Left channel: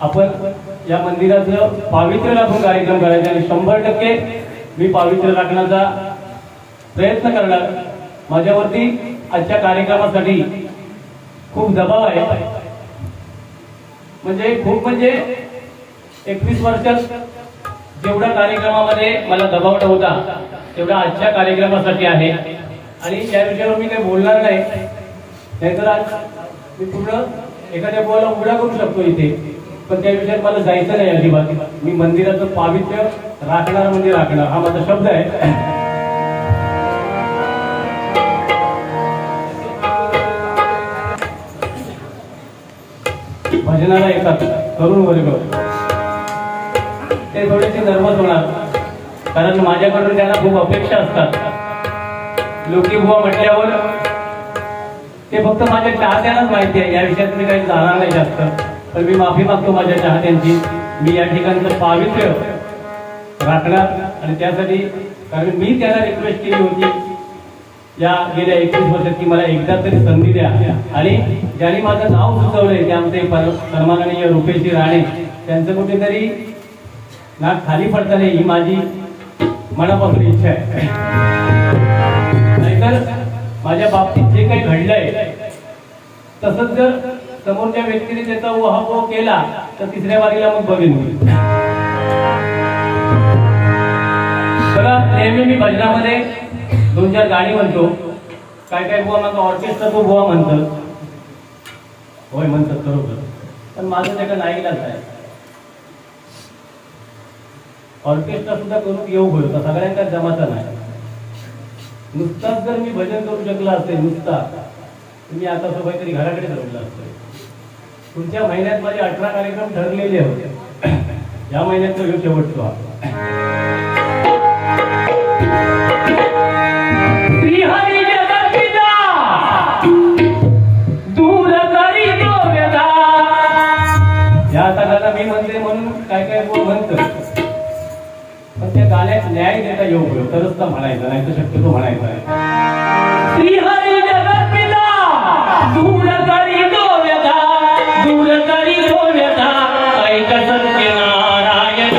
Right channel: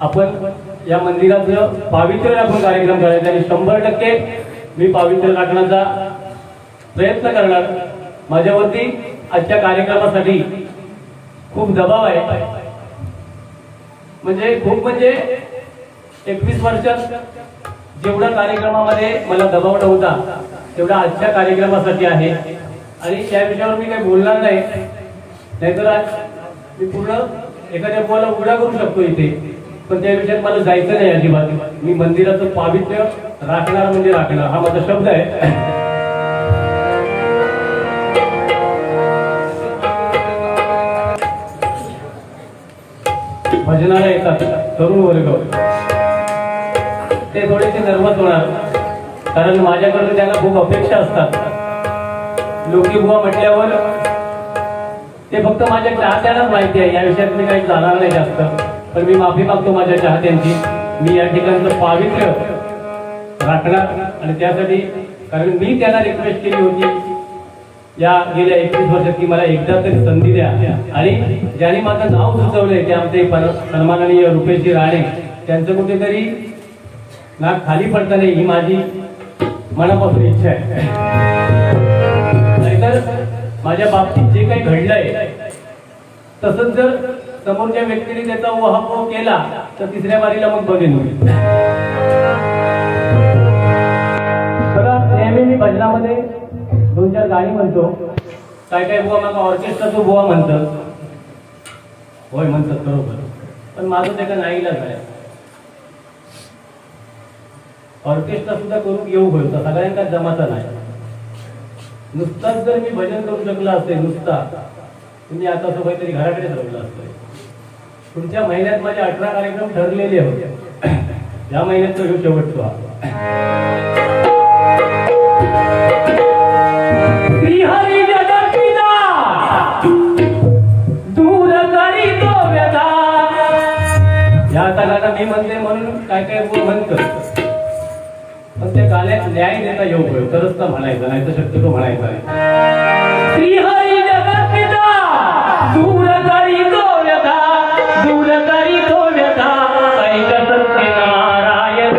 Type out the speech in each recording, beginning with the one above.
आपण या मंदिराचं पावित्र्य राखून कार्यक्रम करायचा आणि 100% मी पावित्र्य राखण्याचा प्रयत्न करणार। माझ्यावरती आजच्या कार्यक्रमासाठी खूप दबाव आहे, म्हणजे 21 वर्षात जेवढा कार्यक्रमामध्ये मला दबाव नव्हता तेवढा आजच्या कार्यक्रमासाठी आहे। आणि या विषयावर मी काही बोलणार नाही, नाहीतर आज मी पूर्ण एखाद्या बोला उघडा करू शकतो इथे, पण त्या विषयात मला जायचं नाही अजिबात। मी मंदिराचं पावित्र्य राखणार म्हणजे राखणार, हा माझा शब्द आहे। भजनाला येतात तरुण वर्ग, ते थोडेसे नर्वस होणार, कारण माझ्याकडून त्यांना खूप अपेक्षा असतात। लोकी बुवा म्हटल्यावर ते फक्त माझ्या चाहत्यांनाच माहिती आहे, या विषयात मी काही जाणार नाही जास्त, पण मी माफी मागतो माझ्या चाहत्यांची। मी या ठिकाणचं पावित्र्य राखणार आणि त्यासाठी, कारण मी त्यांना रिक्वेस्ट केली होती या गेल्या 21 वर्षात की मला एकदा तरी संधी द्या, आणि ज्यांनी माझं नाव सुचवलंय ते आमचे सन्माननीय रुपेशजी राणे, त्यांचं कुठेतरी नाक खाली पडता नाही ही माझी मनापासून इच्छा आहे। नाहीतर माझ्या बाबतीत जे काही घडलंय तसंच जर समोरच्या व्यक्तीने त्याचा उहापोह केला तर तिसऱ्या वारीला मग बघेन मी। बघा, नेहमी मी भजनामध्ये 2-4 गाणी म्हणतो, काय बुवा मग ऑर्केस्ट्राचं बुवा म्हणतात, होय म्हणतात बरोबर, पण माझं त्याचा नाईलाज आहे। ऑर्केस्ट्रा सुद्धा करून येऊ होता, सगळ्यांका जमाचा नाही। नुसताच जर मी भजन करू शकला असते नुसता, तुम्ही आता काहीतरी घराकडे ठरवलं असतं। तुमच्या महिन्यात माझे 18 कार्यक्रम ठरलेले होते, या महिन्यात तो शेवटतो। या आता गाणं मी म्हणते म्हणून काय म्हणतं, पण त्या गाण्यात न्याय देता येऊ होईल तरच तर म्हणायचं, नाही तर शक्यतो म्हणायचं आहे। श्रीहरी जगत पिता दूर करी तो व्यथा, दूर करी तो व्यथा, ऐक सत्यनारायण।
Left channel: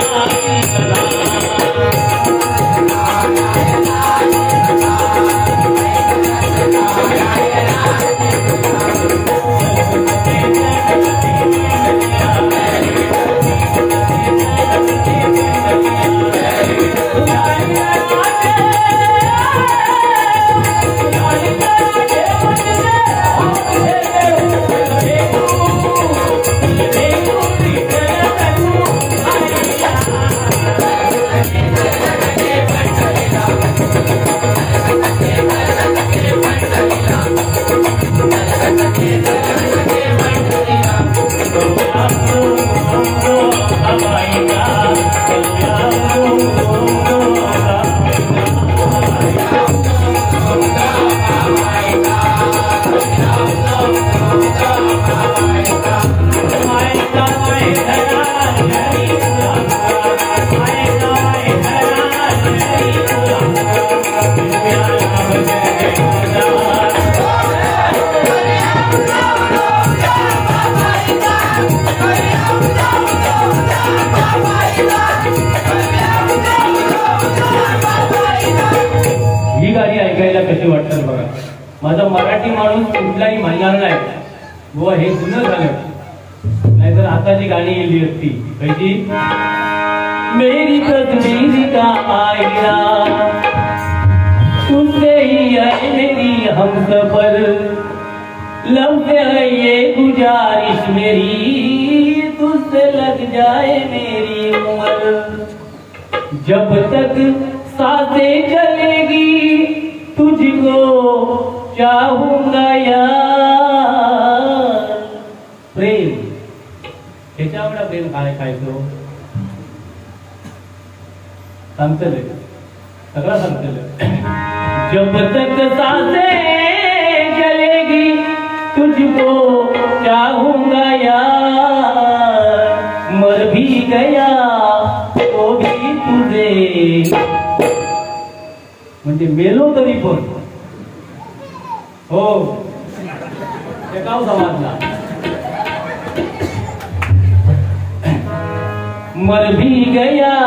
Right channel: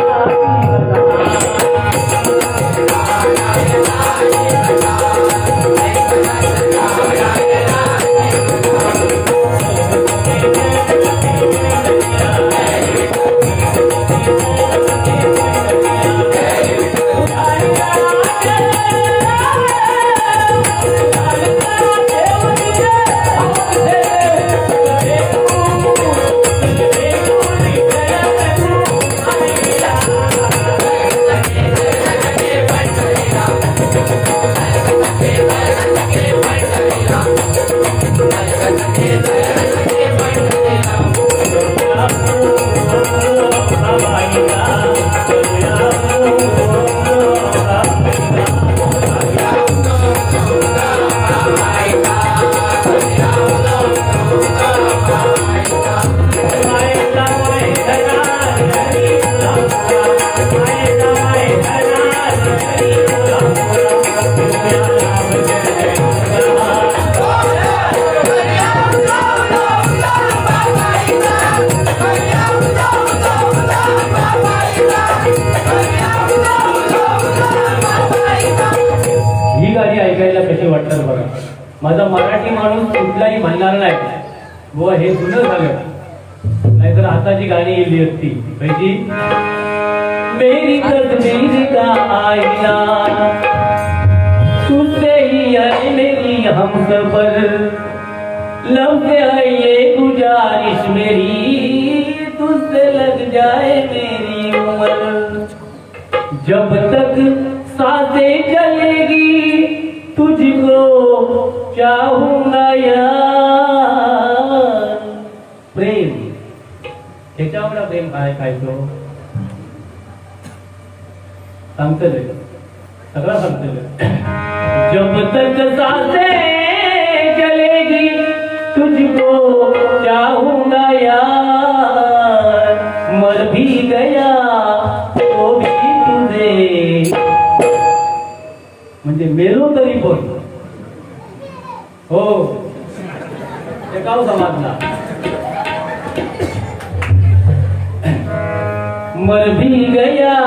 ही गाणी ऐकायला कशी वाटतात बघा। माझा मराठी माणूस कुठलाही म्हणणार नाही बुवा हे जुनं झालं, नाहीतर आताची गाणी गेली असती कशी। मेरी तस्वीर का आईना तुझसे ही है मेरी हमसफर, लब से है ये गुजारिश मेरी, तुझसे लग जाए मेरी उम्र, जब तक सांसें चलेगी तुझको चाहूंगा यार। प्रेम ह्याच्यावर प्रेम काय तो सांगतले, सगळं सांगतले। जब तक सांसें चलेगी तुझको चाहूंगा यार, मर भी गया तो भी तुझे, म्हणजे मेलो तरी पण हो, गाव समाजला मर भी गया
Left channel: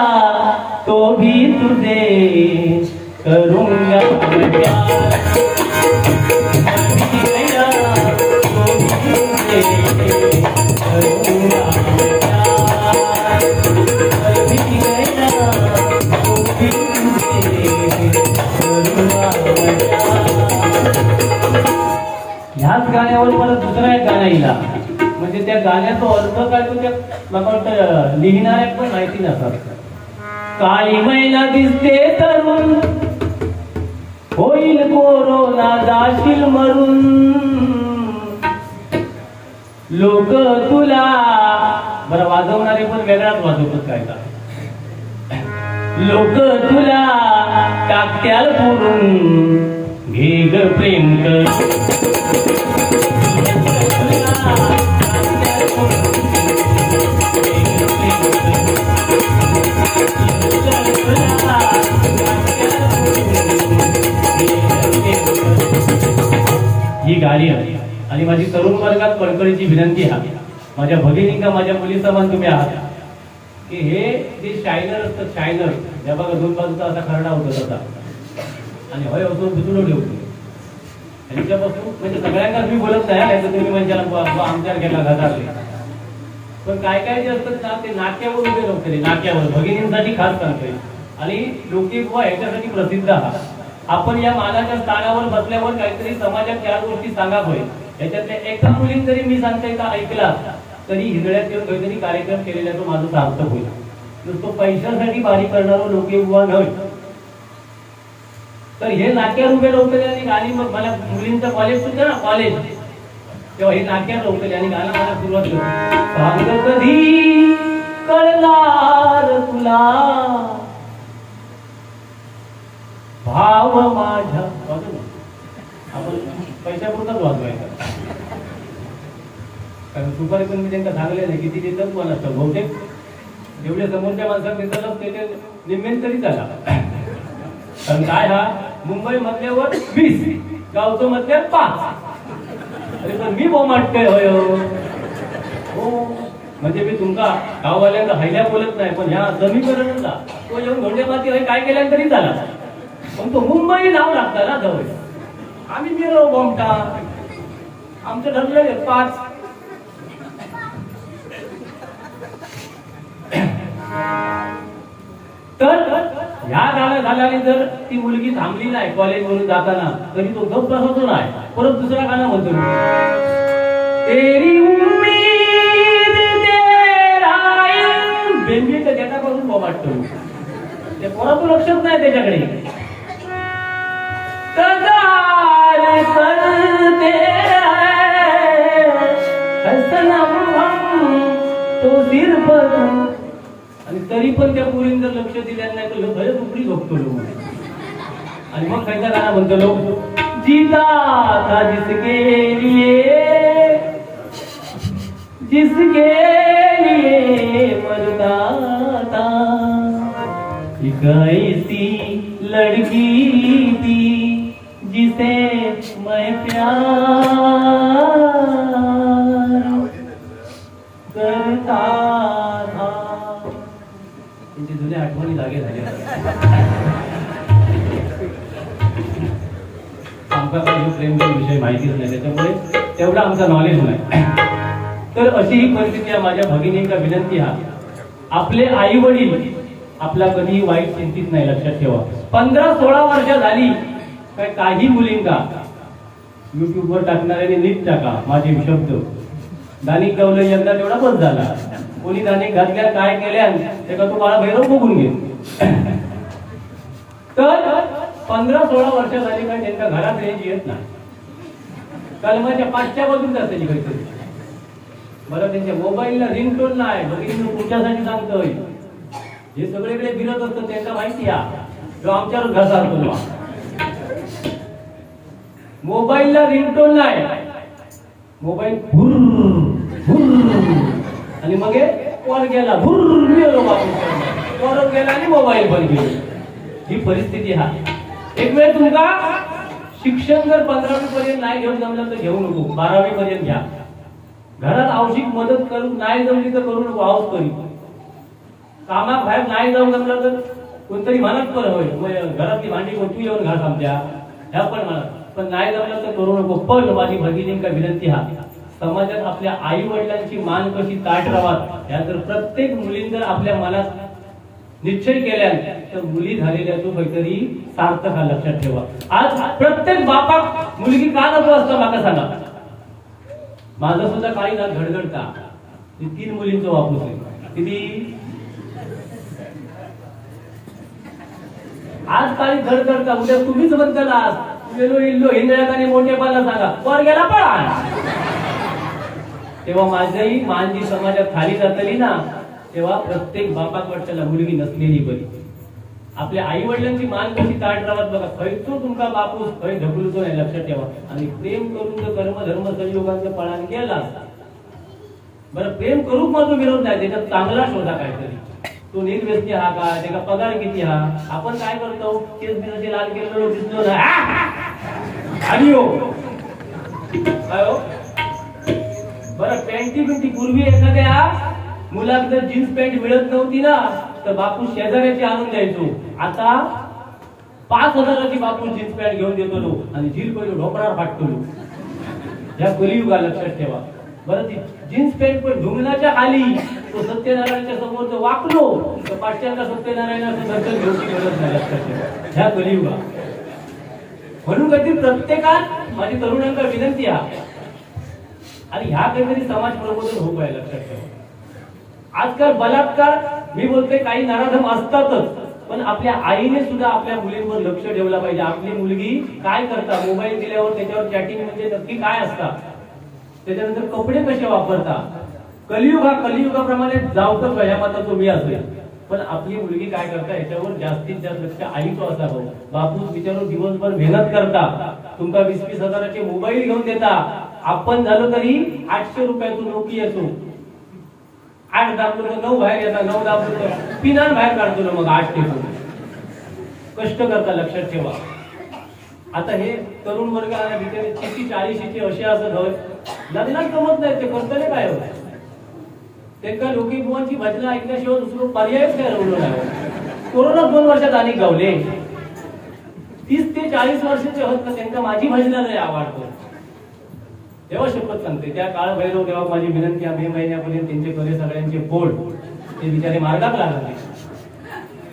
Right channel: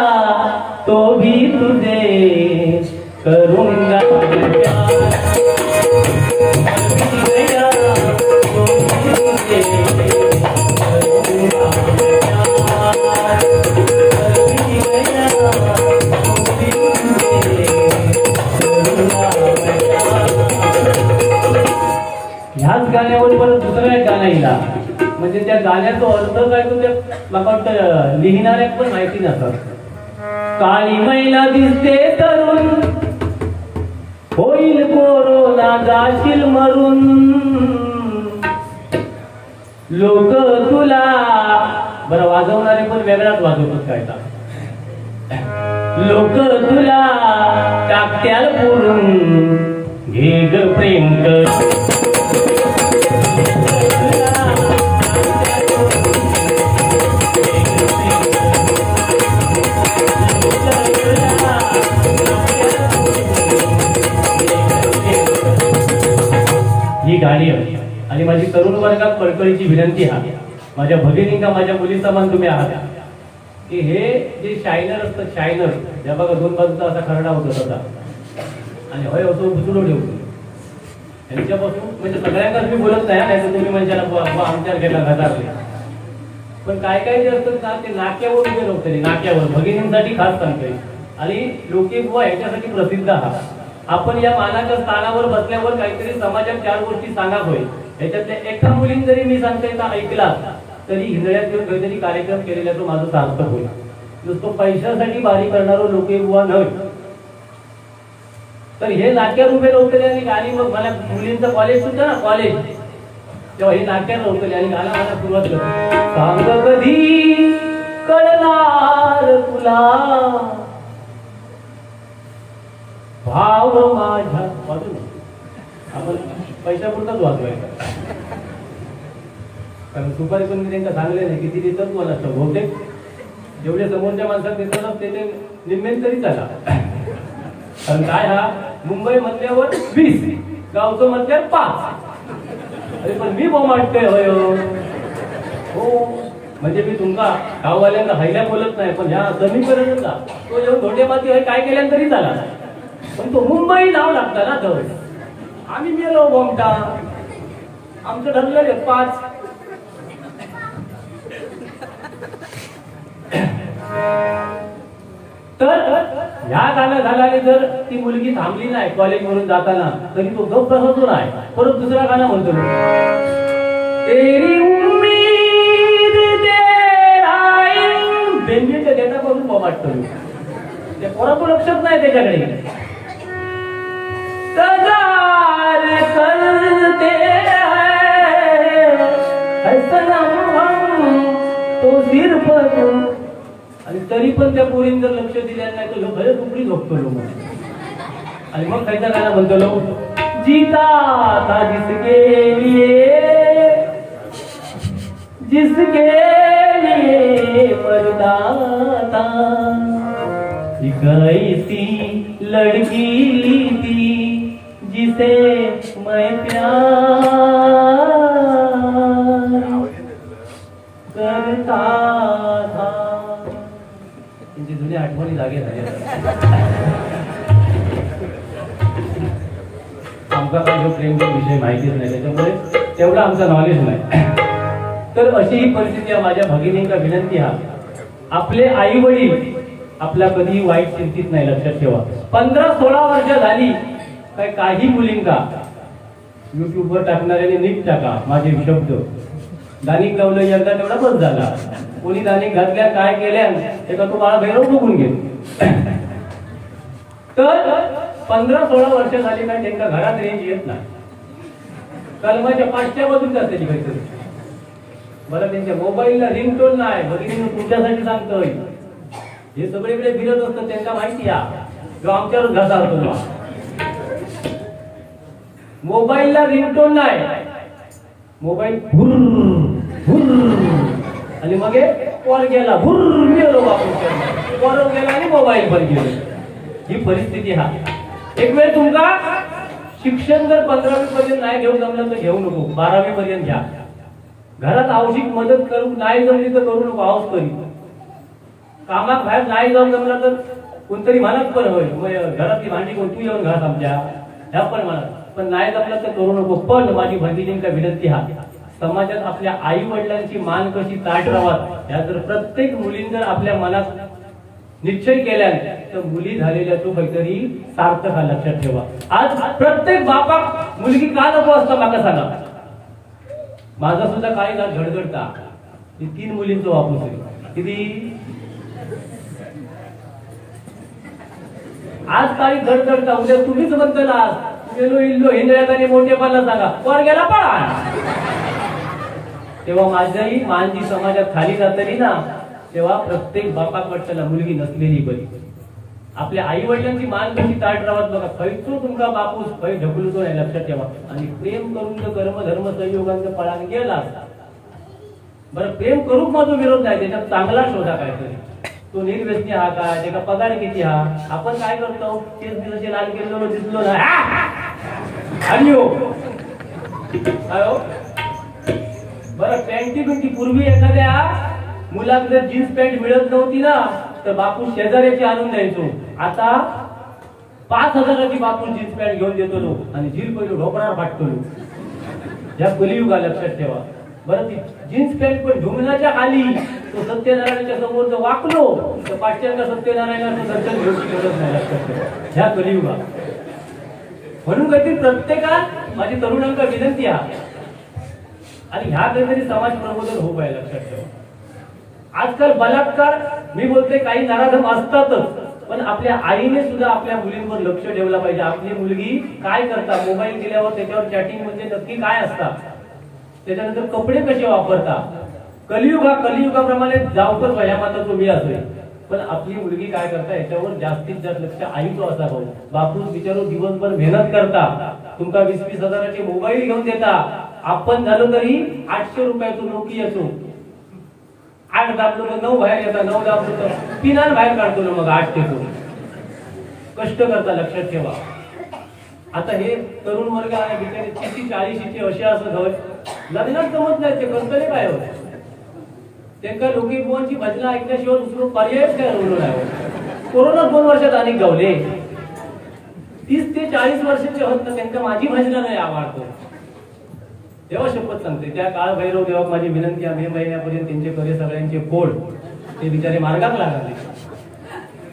तो भी तुझे करूंगा प्यार, मर भी गया तो भी तुझे करूंगा प्यार, मर भी गया तो भी तुझे करूंगा प्यार। ह्याच गाण्यावर परत दुसरा एक गाणं येईल, म्हणजे त्या गाण्याचा अर्थ काय तो त्या मला वाटतं लिहिणाऱ्या पण माहिती नसतात. काळी मैला दिसते तरुण, होईल कोरोना जाशील मरून, लोक तुला बरं वाजवणारे पण वेगळाच वाजवतात काय का, लोक तुला टाकत्याल पुरून, घे ग प्रेम कर ही गाडी आहे. आणि माझी तरुण वर्गात कळकळीची विनंती आहे, माझ्या भगिनींका माझ्या मुली समान तुम्ही आहात, की हे जे शायनर असतं, शायनर त्या बघा दोन बाजूचा असा खरडा होतो तसा, आणि होय होतो दुसरं ठेवतो यांच्यापासून, म्हणजे सगळ्यांनाच मी बोलत नाही, तुम्ही म्हणजे आमच्या गेला घातात, पण काय काय जे असतं ना ते नाक्यावर उभे राहते, नाक्यावर भगिनींसाठी खास सांगते. आणि लोकगीत ह्याच्यासाठी प्रसिद्ध आहात. आपण या मानाच्या स्थानावर बसल्यावर काहीतरी समाजात चार गोष्टी सांगा होय, याच्यातल्या एका मुलीने जरी मी सांगता येता ऐकला तरी हिंदळ्यात येऊन काहीतरी कार्यक्रम केलेला तो माझं सार्थक होईल. नुसतो पैशासाठी बारी करणारो लोके बुवा नव्हे. तर हे नाक्यावर उभे राहतले आणि गाणी, मग मला मुलींचं कॉलेज सुद्धा ना कॉलेज, तेव्हा हे नाक्यावर राहतले आणि गाणं मला सुरुवात करतो. सांग कधी कळणार तुला भाव माझ्या, आपण पैशापुरताच वाजवायचा, कारण सुपारी पण मी त्यांना सांगले नाही किती देतात मला असतं, बहुतेक जेवढे समोरच्या माणसाला देतात त्याचे निम्मेन तरी झाला. कारण काय हा मुंबई मधल्यावर 20, गावचं मधल्यावर 5, अरे पण मी बोमाटतोय होय हो. म्हणजे मी तुमका गाववाल्यांना हैल्या बोलत नाही, पण ह्या समीकरणाचा तो येऊन धोंडेमाती होय काय केल्यान तरी झाला, पण तो मुंबई नाव लागतं ना जवळ. आम्ही मेलो बोमटा, आमचं ठरलेलं 5. तर ह्या गाणं झाल्याने जर ती मुलगी थांबली नाही कॉलेजवरून जाताना तरी तो गप्प राहतो नाही. परत दुसरं गाणं म्हणतो, तेरी उम्मीद तेरा बेंजीच्या जटापासून बोमाटतो, ते पोराचं लक्षच नाही त्याच्याकडे. तगार करते हैं सनम हम तो सिर्फ तुम, आणि तरी पण त्या पोरीने जर लक्ष दिलं नाही तर लोक खरंच उपडी झोपतो लोक. आणि मग खायचा गाणं म्हणतो लोक, जीता था जिसके लिए मरता था, एक ऐसी लड़की थी जिसे मैं प्यार करता था. त्यांची जुन्या आठवणी जागे झाल्या. आमचा काही प्रेमचा विषय माहितीच नाही, त्याच्यामुळे तेवढा आमचा नॉलेज नाही. तर अशी ही परिस्थिती आहे. माझ्या भगिनींचा विनंती हा, आपले आई वडील आपला कधीही वाईट चिंतित नाही, लक्षात ठेवा. 15-16 वर्ष झाली काय काही मुलींका युट्यूबवर टाकणाऱ्याने नीट टाका माझे शब्द, दानिक गावलं यंदा तेवढा बस झाला. कोणी दानिक घातल्या काय केल्या ते का तुम्हाला भैरव बघून घे. तर 15-16 वर्ष झाली काय त्यांच्या घरात रेंज येत नाही, कलमाच्या 5च्या बाजून असते काहीतरी. मला त्यांच्या मोबाईलला रिंगटोन नाही, भगिनी तुमच्यासाठी सांगतोय, हे सगळीकडे फिरत असतं त्यांना माहिती आहे, जो आमच्यावर घसा असतो. मोबाईलला रिंगटोन नाही, मोबाईल आणि मग वर गेला गेलो वर गेला आणि मोबाईल पण गेलो. ही परिस्थिती हा. एक वेळ तुमका शिक्षण जर 15वी पर्यंत नाही घेऊन जमलं तर घेऊ नको, 12वी पर्यंत घ्या. घरात आवश्यक मदत करू नाही जमली तर करू नको, आहोत करी. कामाक बाहेर नाही जाऊन जमलं तर कोणतरी म्हणत पण होय घरातली भांडी कोण तू येऊन घास आमच्या ह्या पण म्हणत, पण नाही जमलं तर करू नको. पण माझी भगिनींका विनंती हा, समाजात आपल्या आई वडिलांची मान कशी ताट राहावं ह्या जर प्रत्येक मुलीने जर आपल्या मनात निश्चय केल्या तर मुली झालेल्या तो काहीतरी सार्थक हा लक्षात ठेवा. आज प्रत्येक बापाक मुलगी का नको असतं माका सांगा. माझा सुद्धा काही ना घडघडता 3 मुलींचं वापूस आहे किती. आज काही धडधडता उद्या तुम्हीच म्हणताला गेलो इल्लो हिंदळ्याने मोठेपणा सांगा वर गेला पळा. तेव्हा माझी मान जी समाजात खाली जातली ना तेव्हा प्रत्येक बापाक वाटताना मुलगी नसलेली बरी. आपल्या आई वडिलांची मान कशी ताट राहत बघा. खैचो तुमका बापूस खै ढकलतो नाही लक्षात ठेवा. आणि प्रेम करून जर कर्म धर्म संयोगांचं पळान गेला बरं प्रेम करूक माझा विरोध नाही, त्याच्यात चांगला शोधा काहीतरी. तो निर्व्यसनी हा का, त्याचा पगार किती हा. आपण काय करतो तेच दिवशी लाल केलं दिसलो ना आणि हो काय हो बरं पॅन्टी बिंटी. पूर्वी एखाद्या मुलाला जर जीन्स पॅन्ट मिळत नव्हती ना तर बापू शेजाऱ्याची आणून द्यायचो. आता 5,000ची बापू जीन्स पॅन्ट घेऊन देतो लो आणि जील पहिलो ढोकळावर फाटतो लो. या कलियुगा लक्षात ठेवा. बरं ती जीन्स पॅन्ट पण ढुंगणाच्या खाली तो सत्यनारायणच्या समोर जर वाकलो तर पाठ्यांना सत्यनारायणाचं दर्शन घेऊची गरज नाही लक्षात ठेवा. ह्या कलियुगा म्हणून काहीतरी प्रत्येकात माझी तरुणांना विनंती आहे आणि ह्या काहीतरी समाज प्रबोधन होऊ पाहिजे लक्षात ठेवा. आजकाल बलात्कार मी बोलते काही नराधम असतातच, पण आपल्या आईने सुद्धा आपल्या मुलींवर लक्ष ठेवलं पाहिजे. आपली मुलगी काय करता, मोबाईल दिल्यावर त्याच्यावर चॅटिंग म्हणजे नक्की काय असतात, त्याच्यानंतर कपडे कसे वापरता. कलियुगाप्रमाणे जाऊकच वया माता तुम्ही असेल, पण आपली मुलगी काय करता याच्यावर जास्तीत जास्त लक्ष आईचं असावं. बापूस विचारून दिवसभर मेहनत करता, तुमका 20-20 हजाराचे मोबाईल घेऊन देता. आपण झालो तरी 800 रुपयातून नोकी असो. 8 दाबलो तर 9 बाहेर येतात, 9 दाबलो तर पिनान बाहेर काढतो ना मग 8 टेकून. कष्ट करता लक्षात ठेवा. आता हे तरुण वर्ग आहे 30-40चे असे असं घर लग्नात जमत नाही, ते करतले काय होत त्यांना लोकी बुवांची भजनं ऐकल्याशिवाय दुसरं पर्यायच काय राहिलो नाही. कोरोना 2 वर्षात अनेक गावले. 30 ते 40 वर्षाचे होत ना त्यांना माझी भजनं नाही आवडतो. तेव्हा शपथ सांगते त्या काळ भैरव तेव्हा माझी विनंती आहे 2 महिन्यापर्यंत त्यांचे करे सगळ्यांचे फोड ते बिचारे मार्गात लागले.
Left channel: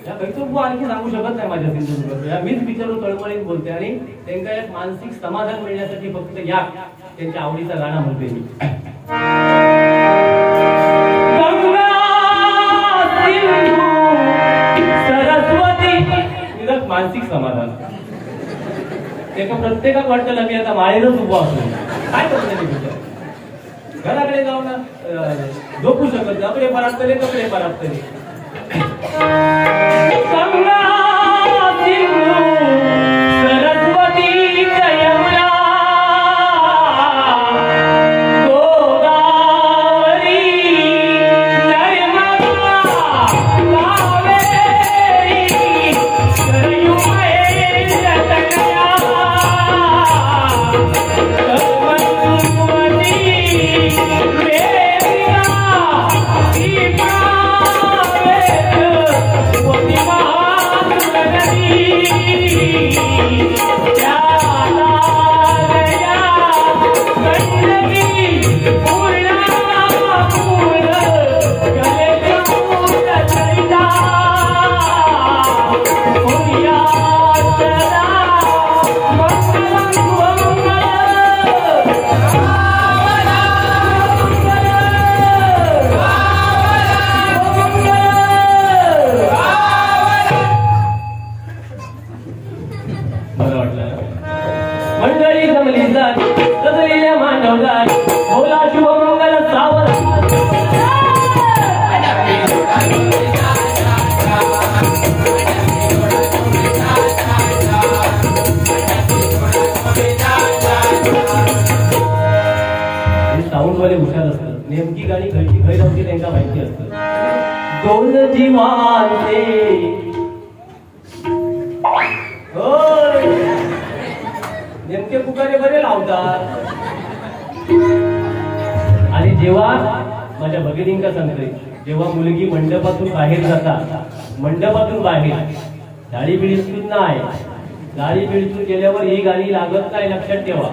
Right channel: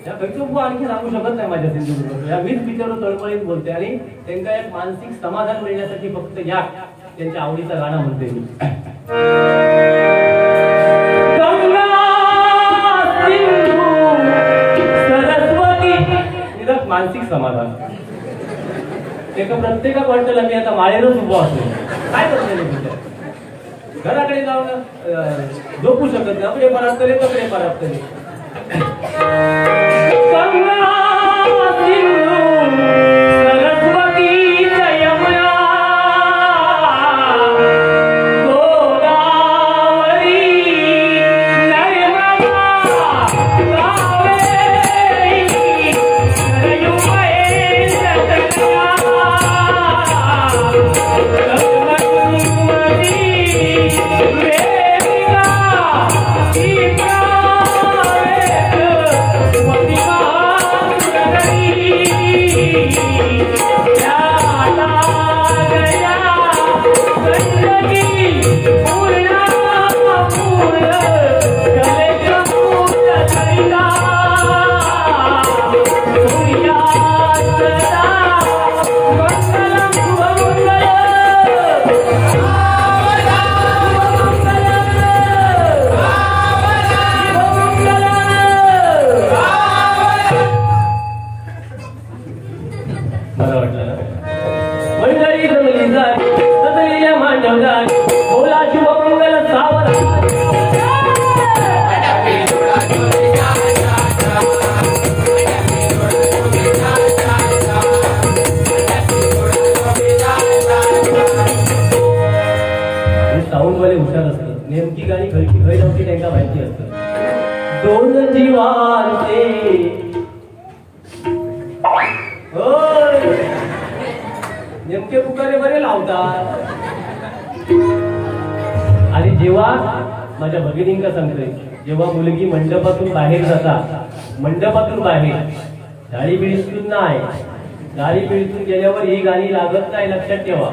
या कैचो आणखी सांगू शकत नाही माझ्या सिंधुदुर्ग. या मीच बिचारो तळमळीत बोलते आणि त्यांना एक मानसिक समाधान मिळण्यासाठी फक्त या त्यांच्या आवडीचं गाणं म्हणते मी. सरस्वती मानसिक समाधान एका प्रत्येकाला वाटतं मी आता माळेरच उभा असतो. काय करते घराकडे जाऊन झोपू शकत नाही. आपले परात करे कपडे परात करे सरस्वती यमुना गोदावरी नर्मदा कावेरी सरयू महेंद्रतनया कल्पतरुमती वेदिका नेमकी गाणी खयची खय नव्हती त्यांना माहिती असतं. 2 जीवांचे नेमके पुकारे बरे लावतात. आणि जेव्हा माझ्या भगिनींका सांगते जेव्हा मुलगी मंडपातून बाहेर जातात, मंडपातून बाहेर गाडी बिळीतून नाही, गाडी बिळीतून गेल्यावर ही गाणी लागत नाही, लक्षात ठेवा.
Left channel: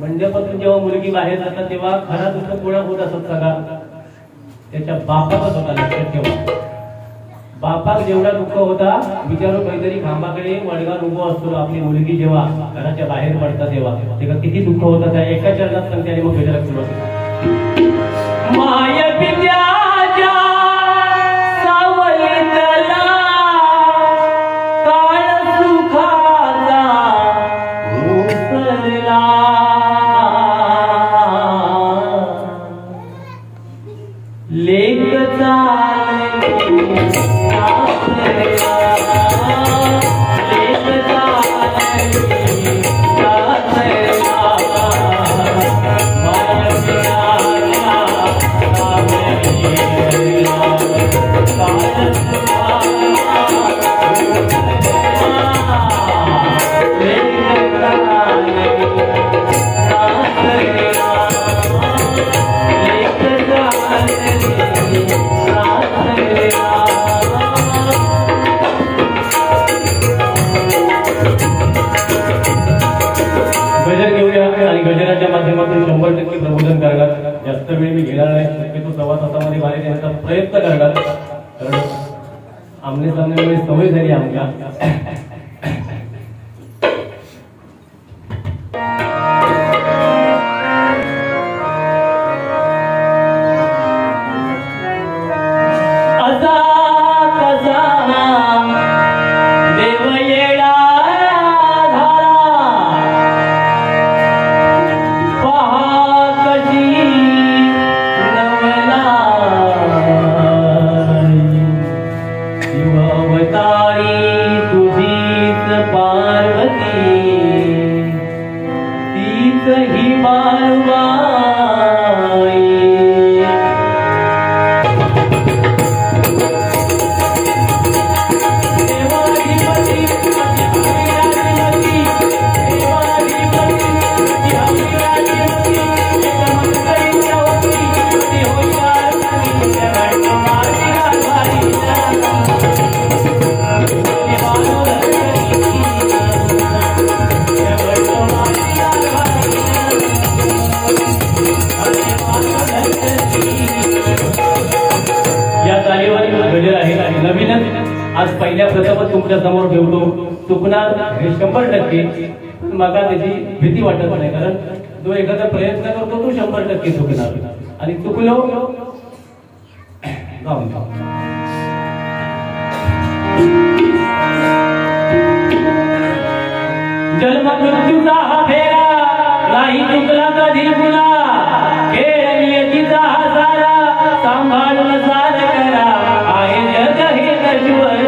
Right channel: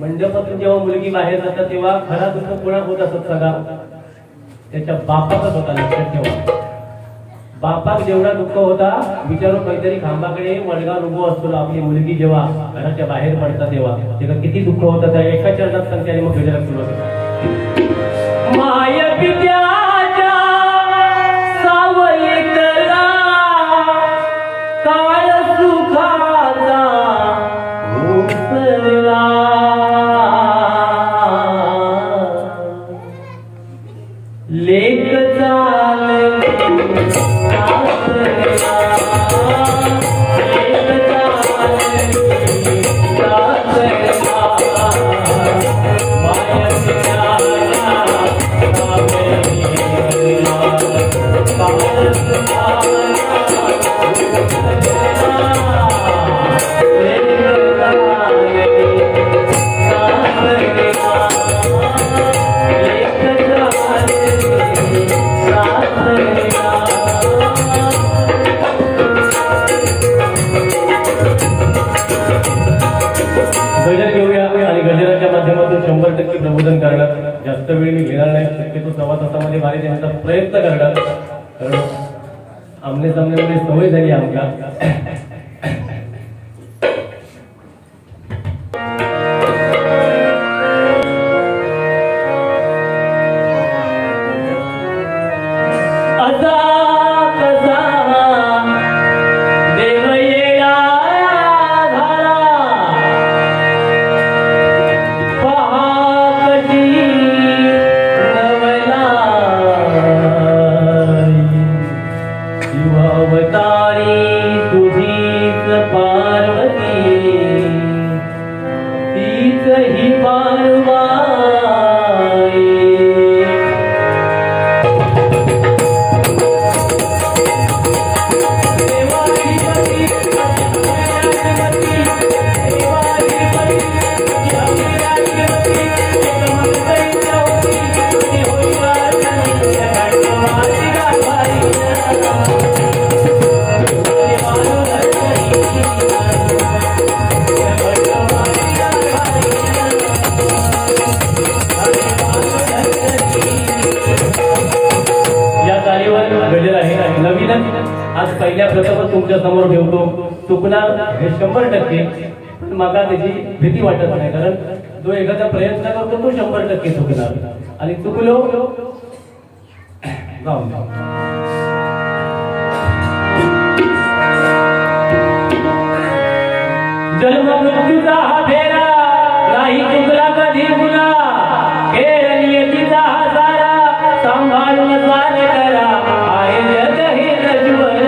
मंडपातून जेव्हा मुलगी बाहेर जातात तेव्हा खरा दुःख कोणा होत असत का? त्याच्या बापाचाच होता, लक्षात ठेवा. बापाक जेवढा दुःख होता विचारून काहीतरी खांबाकडे मडगाव उभो असतो, आपली मुलगी जेव्हा घराच्या बाहेर पडतात तेव्हा किती दुःख होतं. त्या एका चरणात त्यांनी मग गजर सुरू होतो. माय पित्याच्या सावलीतला काळ सुखाचा घोसला, लेक चालली गजराच्या माध्यमातून 100% प्रबोधन करणार. जास्त वेळ मी घेणार नाही, शक्यतो सव्वा तासामध्ये बाहेर येण्याचा प्रयत्न करणार, कारण आमने सामने सवय झाली आमच्या. आज पहिल्या प्रथमच तुमच्या समोर ठेवतो. चुकणार हे 100%, पण मला त्याची भीती वाटत नाही, कारण जो एखादा प्रयत्न करतो तो 100% चुकणार, आणि चुकलो जाऊन जन्म मृत्यूचा हा फेरा नाही चुकला कधी पुन्हा, खेळ नियतीचा हा सारा सांभाळून स्वार करा, आहे जग हे नश्वर.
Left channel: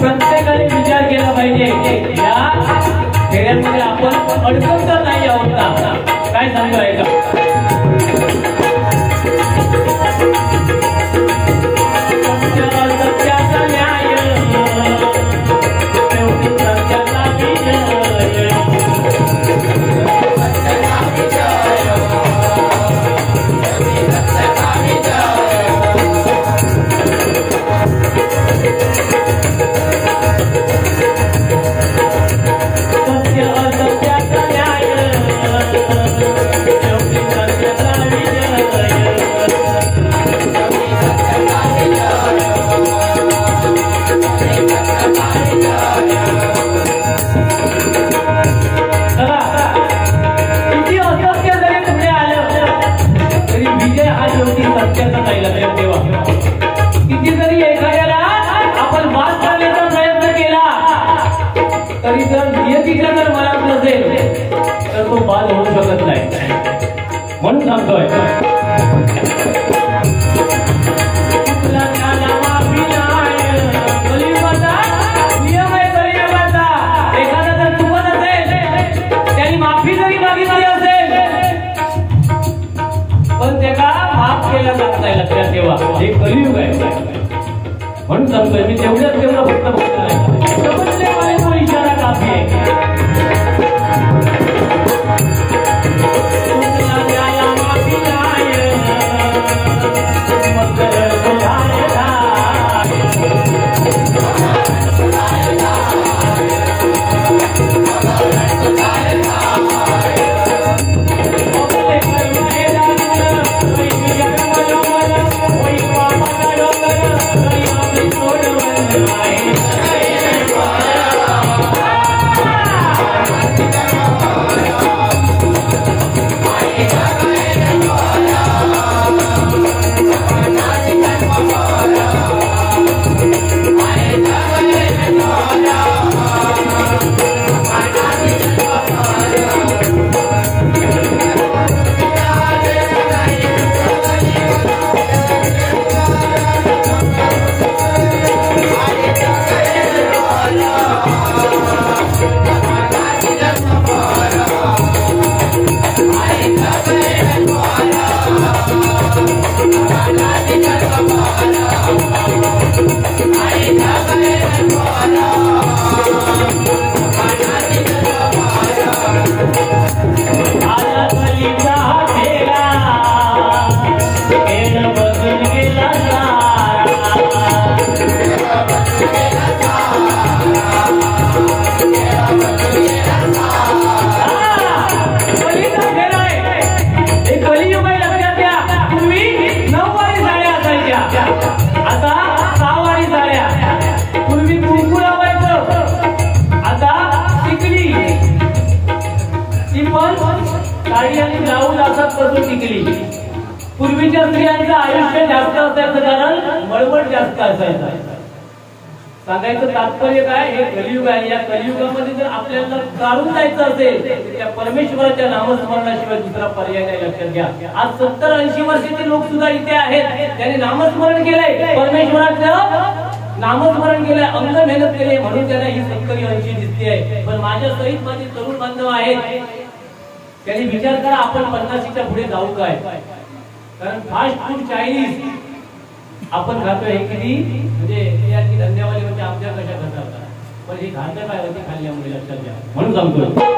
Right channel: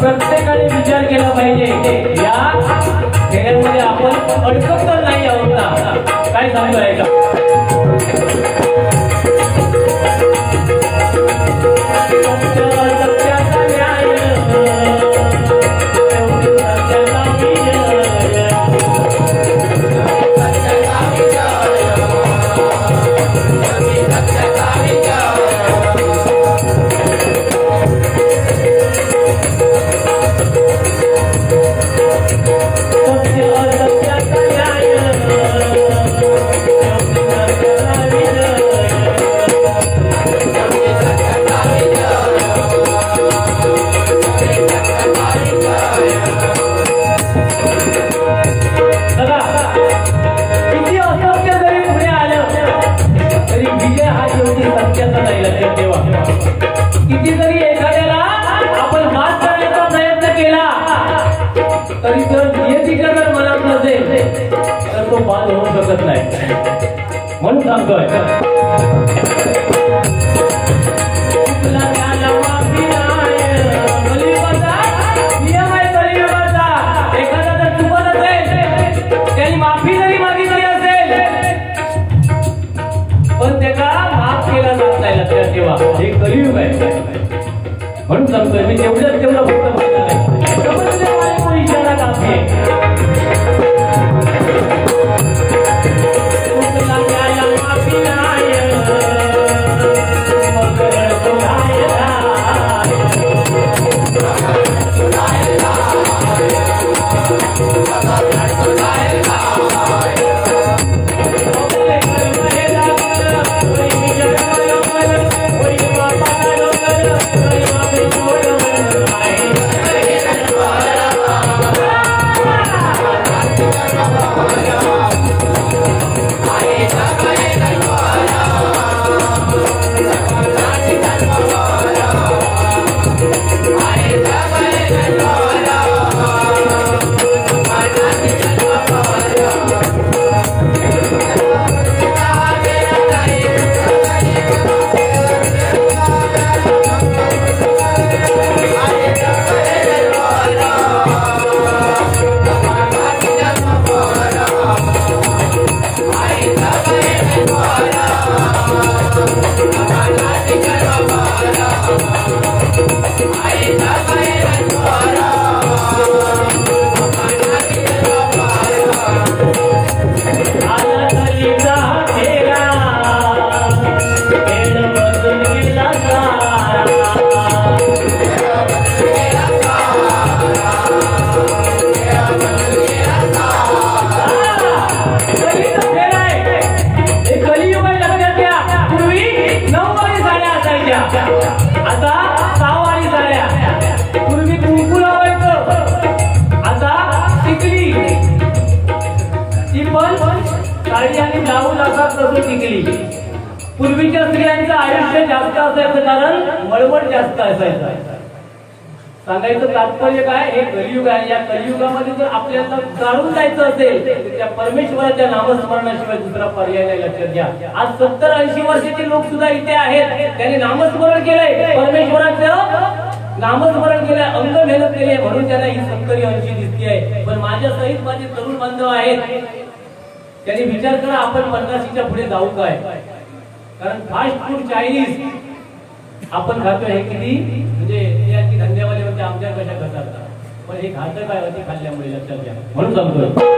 प्रत्येकाने विचार केला पाहिजे, या खेळामध्ये आपण अडकत तर नाही आहोत ना, काय सांगायचं. सत्याचा न्याय लक्षात ठेवा. किती जरी एखाद्याला आपण मात करण्याचा प्रयत्न केला तरी जर नियतीच्या जर मनात नसेल तर तो बाद होऊ शकत नाही. म्हणून सांगतोय नियम आहे संयमाचा. एखादा जर चुकत असेल त्यांनी माफी जरी मागितली असेल पण त्याला माफ केला जात नाही. लक्षात ठेवा हे कलियुग आहे. म्हणून सांगतोय मी तेवढं फक्त बोलणार आहे. समजल्यामुळे तो इशारा काफी आहे. पूर्वीच्या स्त्रियांचं आयुष्य जास्त असायचं कारण मळवट जास्त असायचं. सांगायचं तात्पर्य काय, हे कलियुग आहे. या कलियुगामध्ये जर आपल्याला चालून जायचं असेल तर त्या परमेश्वराच्या नामस्मरणाशिवाय दुसरा पर्याय नाही. लक्षात घ्या. आज 70-80 वर्षाचे लोक सुद्धा इथे आहेत. त्यांनी नामस्मरण केलंय, परमेश्वराचं नामस्मरण केलंय, अंग मेहनत केली म्हणून त्यांना ही 70-80 दिसते आहे. पण माझ्या सहित माझे तरुण बांधव आहेत, त्यांनी विचार करा आपण 50च्या पुढे जाऊ काय. कारण फास्ट फूड चायनीज आपण खातोय. हे किती म्हणजे याची धंद्यावाले म्हणजे आमच्या कशा करतात पण हे घातक काय होते खाल्ल्यामुळे. लक्षात घ्या. म्हणून सांगतोय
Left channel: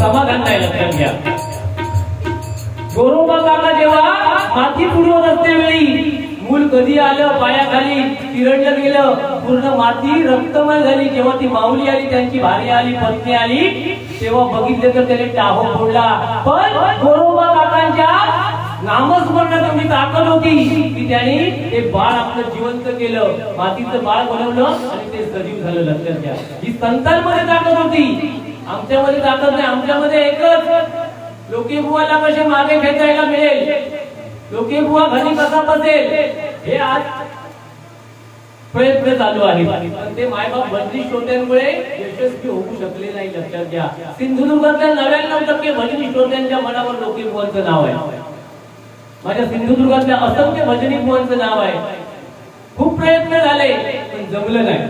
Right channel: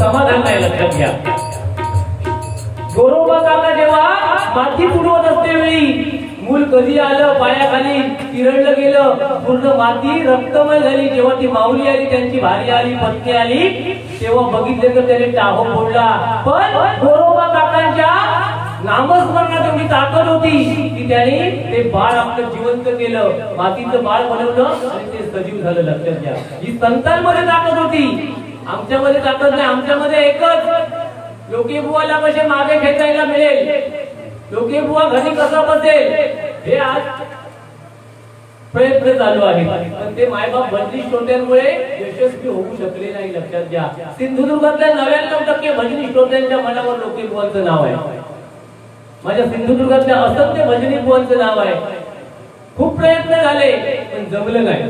समाधान नाही, लक्षात घ्या. गोरोबा काका जेव्हा माती पुरवत असते वेळी मूल कधी आलं पायाखाली किरणलं गेलं, पूर्ण माती रक्तमय झाली. जेव्हा ती माऊली आली, त्यांची भारी आली, पत्नी आली, तेव्हा बघितलं तर त्याने टाहो फोडला. पण गोरोबा काकांच्या नामस्मरणात एवढी ताकद होती की त्याने ते बाळ आपलं जिवंत केलं, मातीचं बाळ बनवलं आणि ते सजीव झालं. लक्षात घ्या, ही संतांमध्ये ताकद होती, आमच्यामध्ये ताकद नाही. आमच्यामध्ये एकच, लोके बुवाला कसे मागे खेचायला मिळेल, लोके बुवा घरी कसा बसेल, हे आज प्रयत्न चालू आहे. पण ते मायबाप भजनी श्रोत्यांमुळे यशस्वी होऊ शकले नाही. लक्षात घ्या, सिंधुदुर्गातल्या 99% भजनी श्रोत्यांच्या मनावर लोके बुवांचं नाव आहे. माझ्या सिंधुदुर्गातल्या असंख्य भजनी बुवांचं नाव आहे. खूप प्रयत्न झाले पण जमलं नाही.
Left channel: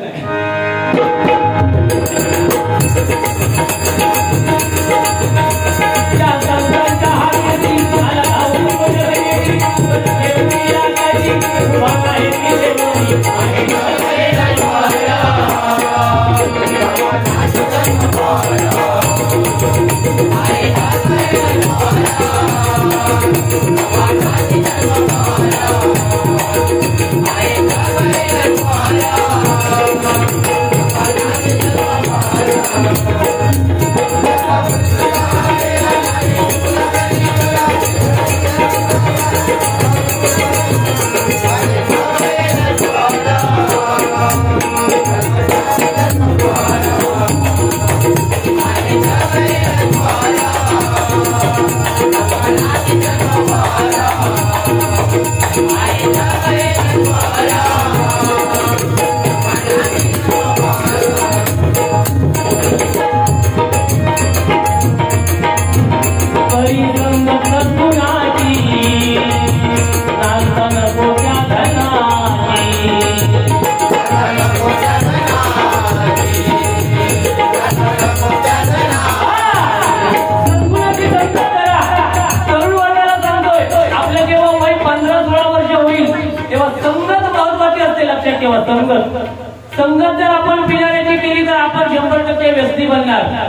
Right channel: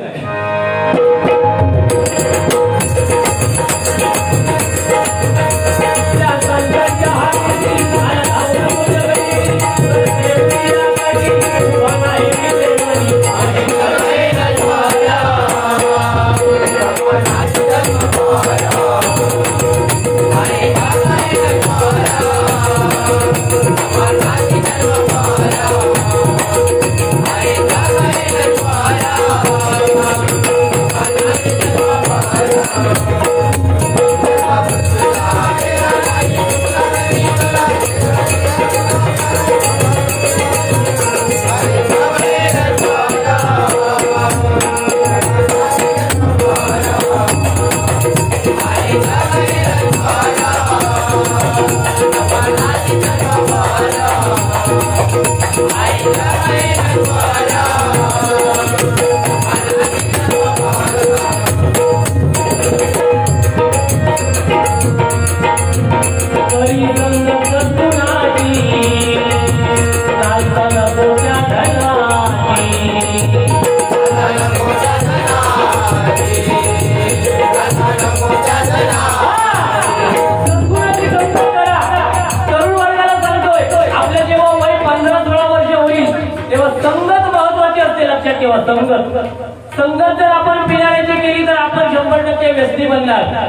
संगत जर आपण पिणाऱ्याची केली तर आपण 100% व्यक्ती बनणार.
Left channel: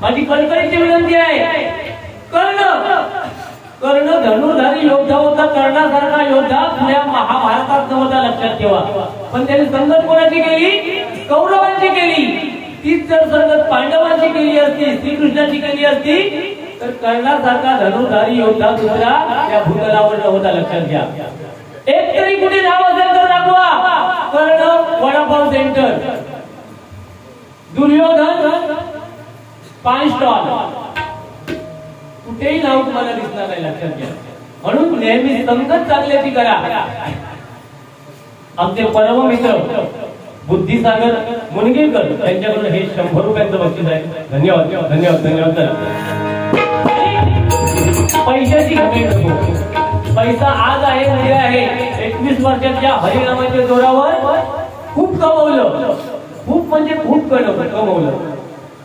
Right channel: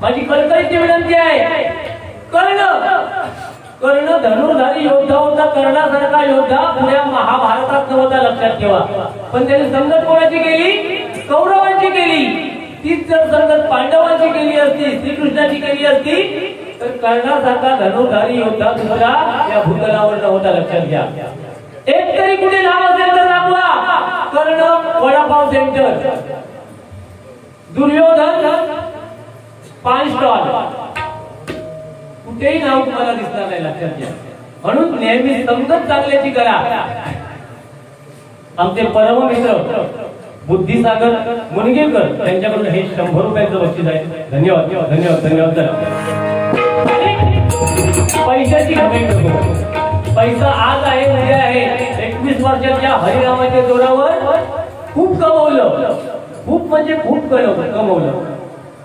माझी कळकळीची विनंती आहे, कर्ण धनुर्धारी योद्धा होता, कर्णासारखा योद्धा पुण्या महाभारतात नव्हता. लक्षात ठेवा. पण त्याने संगत कोणाची केली? कौरवांची केली. तीच जर संगत पांडवांची केली असती, श्रीकृष्णाची केली असती, तर कर्णासारखा धनुर्धारी योद्धा दुसरा या भूतलावर नव्हता. लक्षात घ्या. एक तरी कुठे नाव असेल तर दाखवा. कर्ण वडापाव सेंटर, दुर्योधन पान स्टॉल, कुठेही नाव तुम्हाला दिसणार नाही. लक्षात घ्या. म्हणून नेहमी संगत चांगल्याची करा. आमचे परम मित्र बुद्धिसागर मुनगेकर त्यांच्याकडून हे 100 रुपयांचं बक्षीस आहे. धन्यवाद धन्यवाद धन्यवाद. पैशाची घमेंड नको. पैसा आज आहे उद्या आहे. 21 वर्षाच्या हरिनामाच्या जोरावर खूप कमवलं, खूप म्हणजे खूप कमवलं.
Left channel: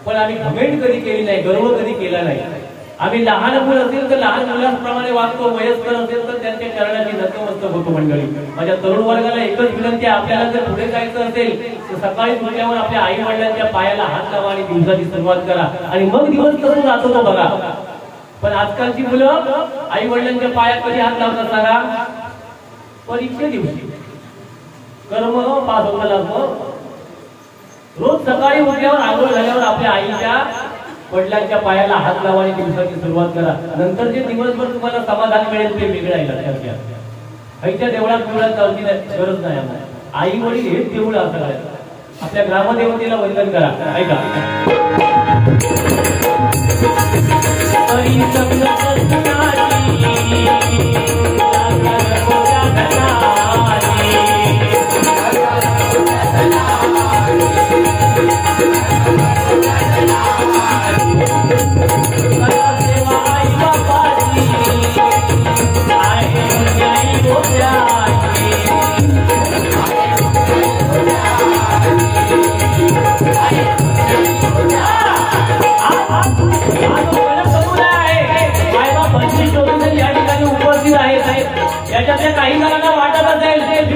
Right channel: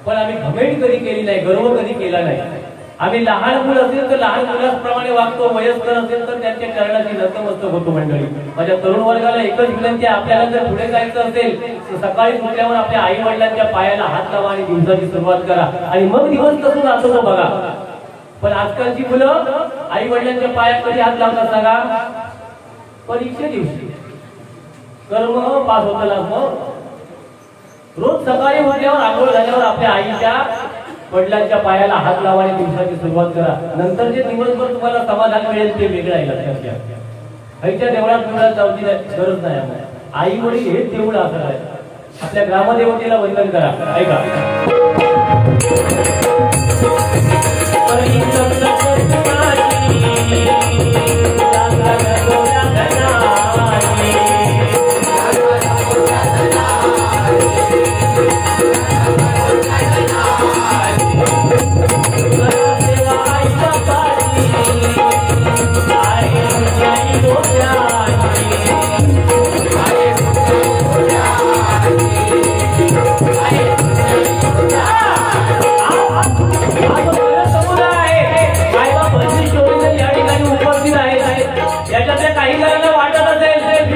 पण आम्ही घमेंड कधी केली नाही, गर्व कधी केला नाही. आम्ही लहान मुलं असेल तर लहान मुलांप्रमाणे वागतो, वयस्कर असेल तर त्यांच्या चरणाची नतमस्तक होतो. मंडळी, माझ्या तरुण वर्गाला एकच विनंती, आपल्याला जर पुढे जायचं असेल तर सकाळी उठल्यावर आपल्या आई वडिलांच्या पायाला हात लावा आणि दिवसाची सुरुवात करा आणि मग दिवस कसं जातो तो बघा. पण आजकालची मुलं आई वडिलांच्या पायात कधी हात लावतात सांगा? परीक्षे दिवशी. कर्म पास होताना रोज सकाळी उठल्यावर आंघोळ झाल्यावर आपल्या आईच्या वडिलांच्या पायाला हात लावा आणि दिवसाची सुरुवात करा. नंतर जे दिवसभर तुम्हाला समाधान मिळेल ते वेगळं आहे. लक्षात घ्या. आईच्या देवळात जाऊची गरज नाही. आई वडील हेच देऊळ असं आहे. आपल्या ग्रामदेवतेला वंदन करा. ऐका.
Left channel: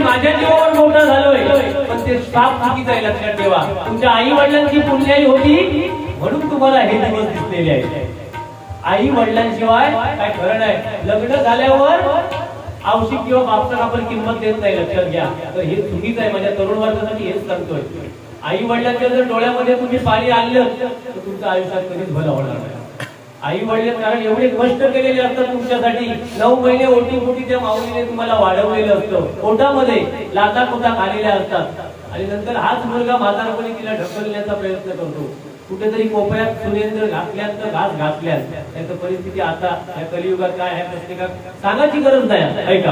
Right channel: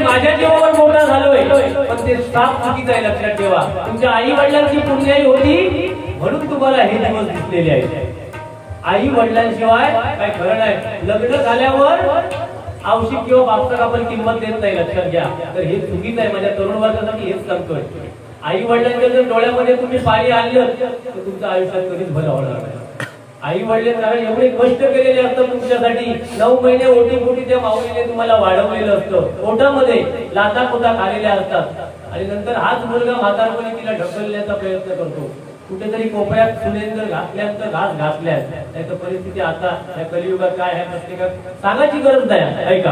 माझ्या जीवावर मोठा झालोय पण ते साफ चुकीचं आहे. लक्षात ठेवा. तुमच्या आई वडिलांची पुण्याई होती म्हणून तुम्हाला हे दिवस दिसलेले आहेत. आई वडिलांशिवाय काय खरं नाही. लग्न झाल्यावर औषध किंवा बापसात आपण किंमत देत नाही, लक्षात घ्या. तर हे चुकीचं आहे. माझ्या तरुण वर्गासाठी हेच सांगतोय. आई वडिलांच्या जर डोळ्यामध्ये तुम्ही पाणी आणलं तर तुमच्या आयुष्यात कधीच भलं होणार नाही. आई वडील कारण एवढे कष्ट केलेले असतात तुमच्यासाठी. 9 महिने ओटी त्या माऊलीने तुम्हाला वाढवलेलं असतं. पोटामध्ये लाथा पोटा खालेल्या असतात आणि नंतर हाच मुलगा म्हातारपणी तिला ढकलण्याचा प्रयत्न करतो. कुठेतरी कोपऱ्यात सुरेंद्र घातल्यानंतर घास घातल्या. त्याची परिस्थिती आता या कलियुगात काय आहे प्रत्येकात सांगायची गरज नाही. ऐका